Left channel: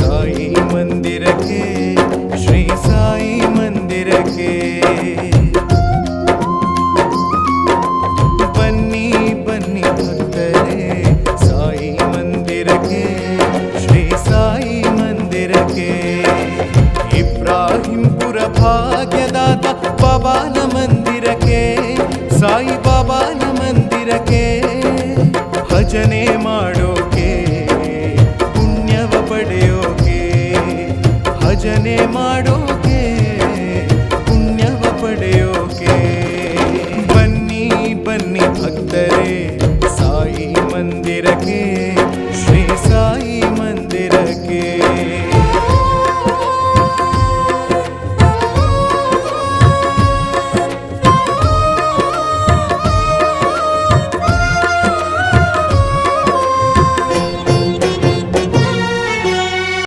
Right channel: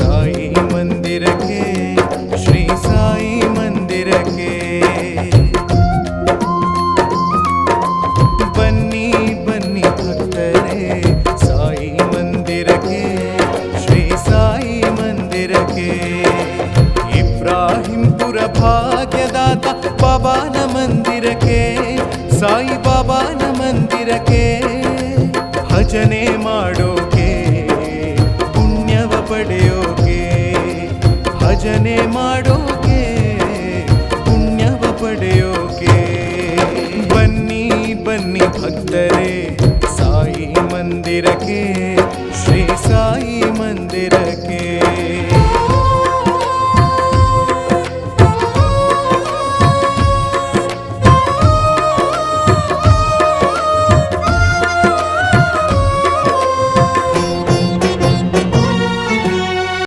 ಸಾಯಿ ಮಂದಿರಕ್ಕೆ, ಶ್ರೀ ಸಾಯಿ ಮಂದಿರಕ್ಕೆ. ಬನ್ನಿ ಬನ್ನಿ ಭಕ್ತರೇ ಸಾಯಿ ಮಂದಿರಕ್ಕೆ, ಶ್ರೀ ಸಾಯಿ ಮಂದಿರಕ್ಕೆ. ಇಬ್ರಾಹಿಂಪುರ ಭಾಗ್ಯದಾತ ಬಾಬಾನ ಮಂದಿರಕ್ಕೆ, ಸಾಯಿ ಬಾಬಾನ ಮಂದಿರಕ್ಕೆ. ಭಜನೆ ಮಾಡೋಕೆ, ಪುಣ್ಯವ ಪಡೆಯೋಕೆ, ಭಜನೆ ಮಾಡೋಕೆ, ಪುಣ್ಯವ ಪಡೆಯೋಕೆ. ಬನ್ನಿ ಬನ್ನಿ ಭಕ್ತರೇ ಸಾಯಿ ಮಂದಿರಕ್ಕೆ, ಶ್ರೀ ಸಾಯಿ ಮಂದಿರಕ್ಕೆ.